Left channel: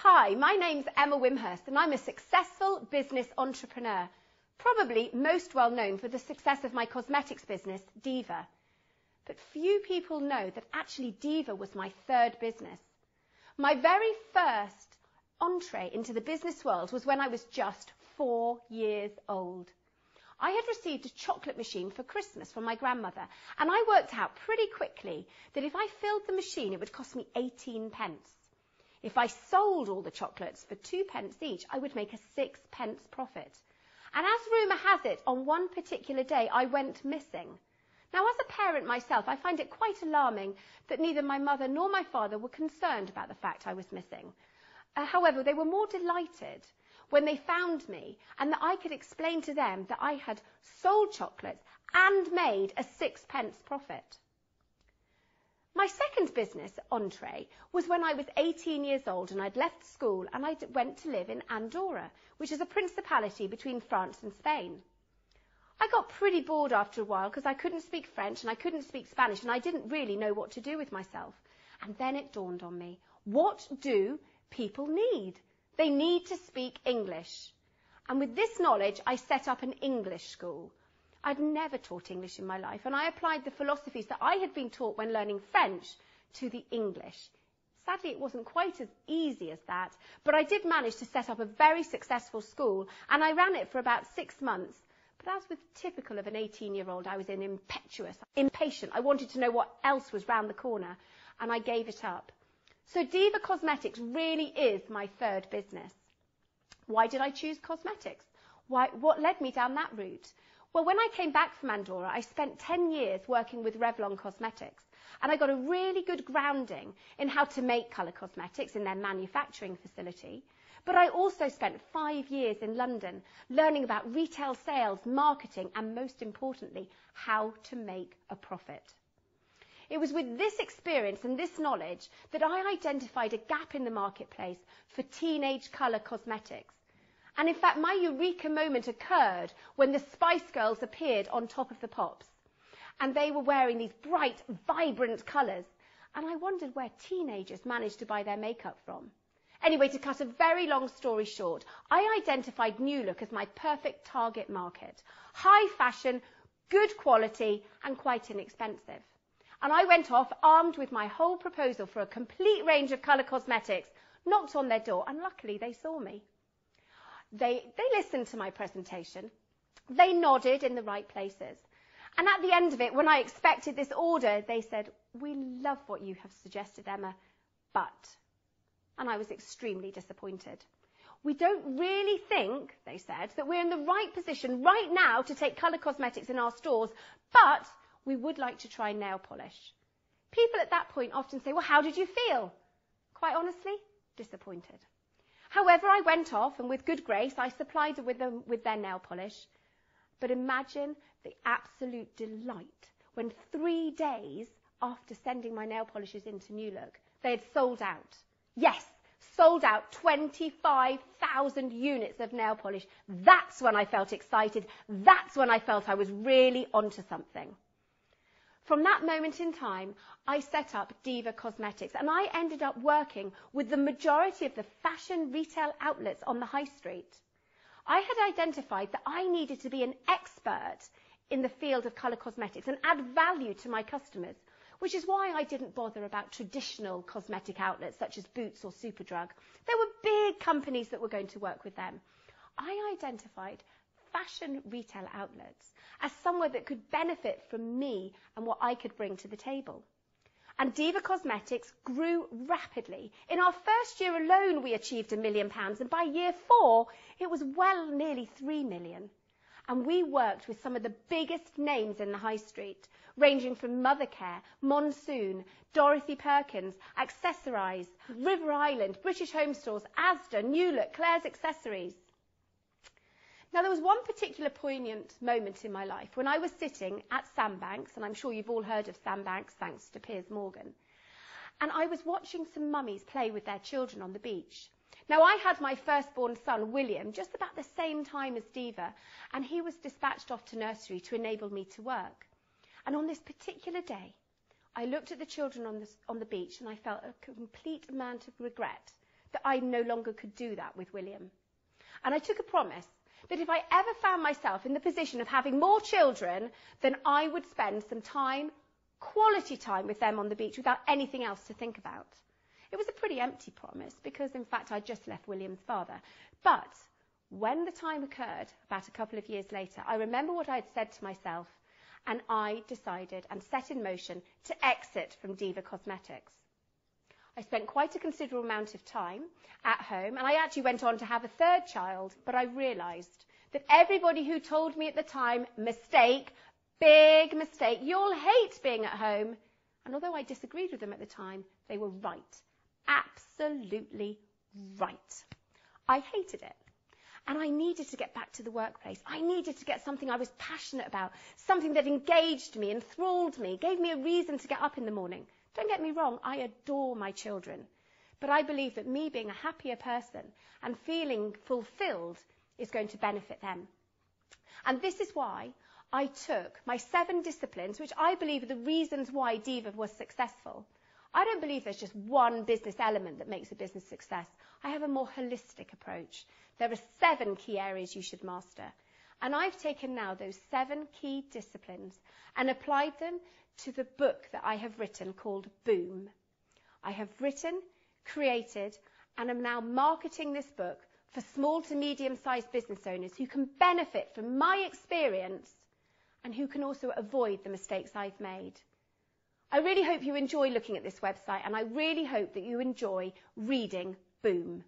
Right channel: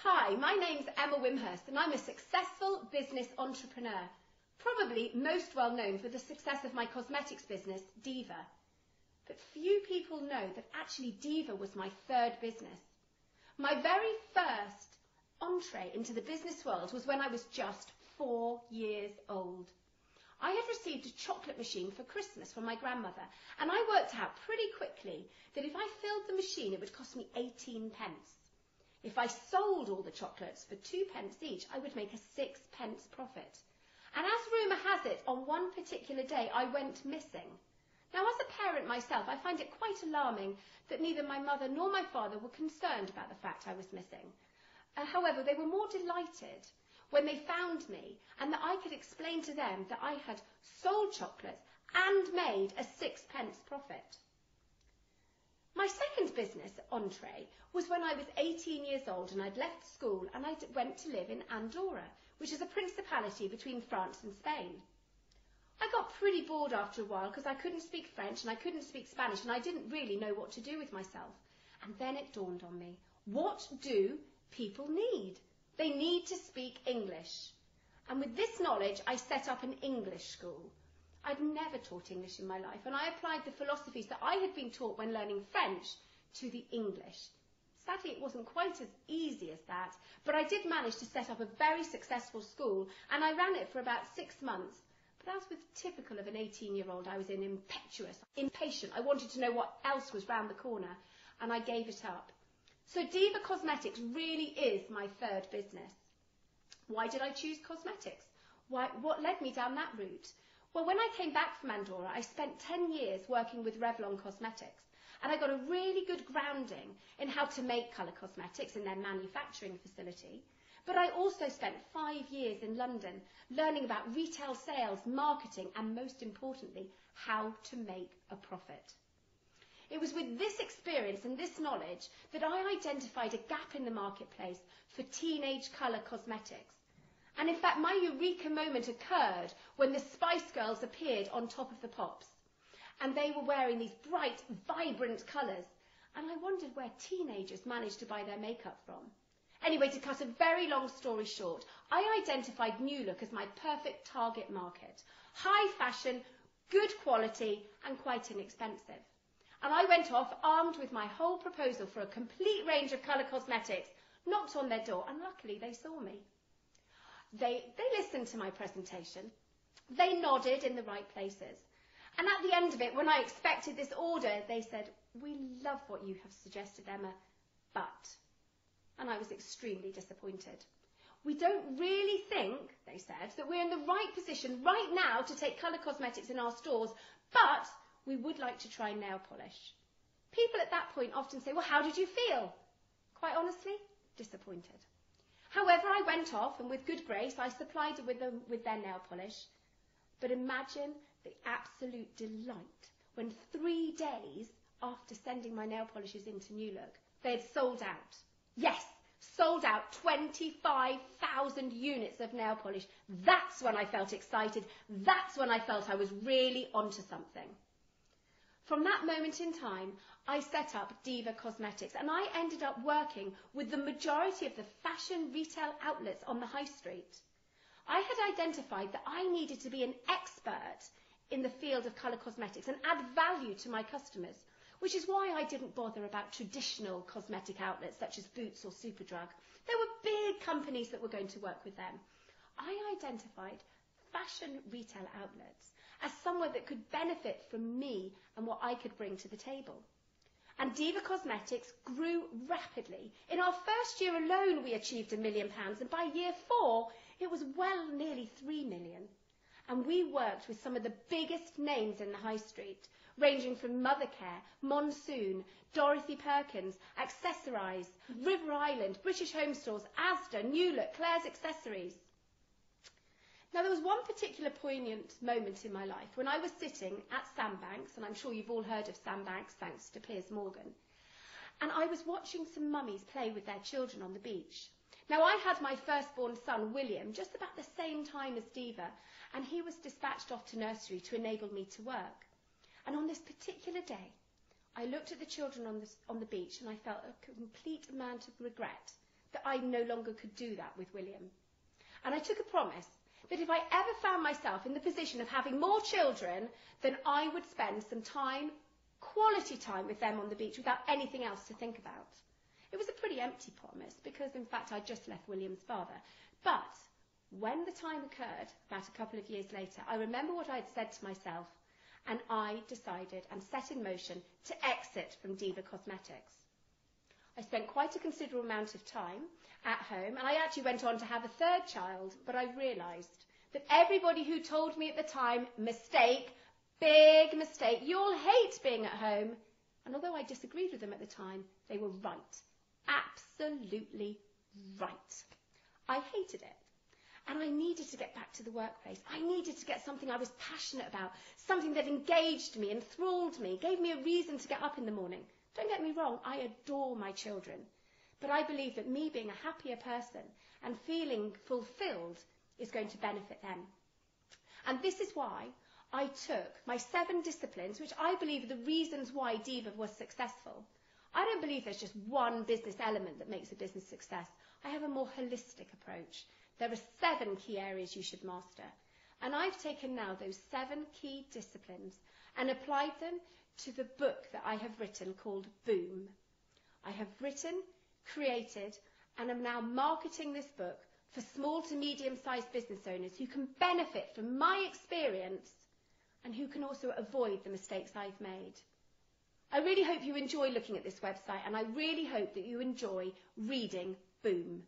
Hi, my name's Emma Wimhurst and I'm a successful business entrepreneur, probably most well known for the success of my cosmetics business, Diva. But few people know that actually Diva was my third business. My very first entree into the business world was when I was just 4 years old. I had received a chocolate machine for Christmas from my grandmother, and I worked out pretty quickly that if I filled the machine, it would cost me 18 pence. If I sold all the chocolates for 2 pence each, I would make a 6 pence profit. And as rumour has it, on one particular day, I went missing. Now, as a parent myself, I find it quite alarming that neither my mother nor my father were concerned about the fact I was missing. However, they were more delighted when they found me and that I could explain to them that I had sold chocolates and made a 6 pence profit. My second business entree was when I was 18 years old and I'd left school and I went to live in Andorra, which is a principality between France and Spain. I got pretty bored after a while because I couldn't speak French and I couldn't speak Spanish and I didn't really know what to do with myself. And then it dawned on me, what do people need? They need to speak English. And with this knowledge, I set up an English school. I'd never taught English in my life, and I applied the philosophies that I had been taught when learning French to the English. Sadly, it wasn't quite as easy as that, but I did manage to set up a very successful school, and I ran it for about 6 months. But as was typical of an 18-year-old, I was impetuous, impatient. I wanted to know what else was round the corner, and I gave it up. So Diva Cosmetics really is my third business. Why did I choose cosmetics? What led me down that route? Well, when I came back from Andorra, I spent 10 years working with Revlon Cosmetics, and I got a really good grounding in how to make colour cosmetics in their manufacturing facility. But I also spent 5 years in London learning about retail sales, marketing, and most importantly, how to make a profit. It was with this experience and this knowledge that I identified a gap in the marketplace for teenage colour cosmetics. And in fact, my eureka moment occurred when the Spice Girls appeared on Top of the Pops. And they were wearing these bright, vibrant colours. And I wondered where teenagers managed to buy their makeup from. Anyway, to cut a very long story short, I identified New Look as my perfect target market. High fashion, good quality, and quite inexpensive. And I went off armed with my whole proposal for a complete range of colour cosmetics, knocked on their door, and luckily they saw me. They listened to my presentation. They nodded in the right places. And at the end of it, when I expected this order, they said, "We love what you have suggested, Emma, but..." And I was extremely disappointed. "We don't really think," they said, "that we're in the right position right now to take colour cosmetics in our stores, but we would like to try nail polish." People at that point often say, "Well, how did you feel?" Quite honestly, disappointed. However, I went off and with good grace, I supplied them with their nail polish. But imagine the absolute delight when 3 days after sending my nail polishes into New Look, they had sold out. Yes, sold out 25,000 units of nail polish. That's when I felt excited. That's when I felt I was really onto something. From that moment in time, I set up Diva Cosmetics and I ended up working with the majority of the fashion retail outlets on the high street. I had identified that I needed to be an expert in the field of colour cosmetics and add value to my customers, which is why I didn't bother about traditional cosmetic outlets such as Boots or Superdrug. There were big companies that were going to work with them. I identified fashion retail outlets as somewhere that could benefit from me and what I could bring to the table. And Diva Cosmetics grew rapidly. In our first year alone, we achieved £1 million, and by year 4, it was well nearly 3 million. And we worked with some of the biggest names in the high street, ranging from Mothercare, Monsoon, Dorothy Perkins, Accessorize, River Island, British Home Stores, Asda, New Look, Claire's Accessories. Now, there was one particular poignant moment in my life when I was sitting at Sandbanks, and I'm sure you've all heard of Sandbanks thanks to Piers Morgan, and I was watching some mummies play with their children on the beach. Now, I had my firstborn son, William, just about the same time as Diva, and he was dispatched off to nursery to enable me to work. And on this particular day, I looked at the children on the beach and I felt a complete amount of regret that I no longer could do that with William. And I took a promise that if I ever found myself in the position of having more children, then I would spend some time, quality time with them on the beach without anything else to think about. It was a pretty empty promise because, in fact, I just left William's father. But when the time occurred, about a couple of years later, I remember what I had said to myself, and I decided and set in motion to exit from Diva Cosmetics. I spent quite a considerable amount of time at home, and I actually went on to have a third child, but I realised that everybody who told me at the time, mistake, big mistake, you'll hate being at home. And although I disagreed with them at the time, they were right. Absolutely right. I hated it. And I needed to get back to the workplace. I needed to get something I was passionate about, something that engaged me, enthralled me, gave me a reason to get up in the morning. Don't get me wrong, I adore my children. But I believe that me being a happier person and feeling fulfilled is going to benefit them. And this is why I took my 7 disciplines, which I believe are the reasons why Diva was successful. I don't believe there's just one business element that makes a business success. I have a more holistic approach. There are 7 key areas you should master. And I've taken now those 7 key disciplines and applied them to the book that I have written called Boom. I have written, created, and am now marketing this book for small to medium-sized business owners who can benefit from my experience and who can also avoid the mistakes I've made. I really hope you enjoy looking at this website, and I really hope that you enjoy reading Boom.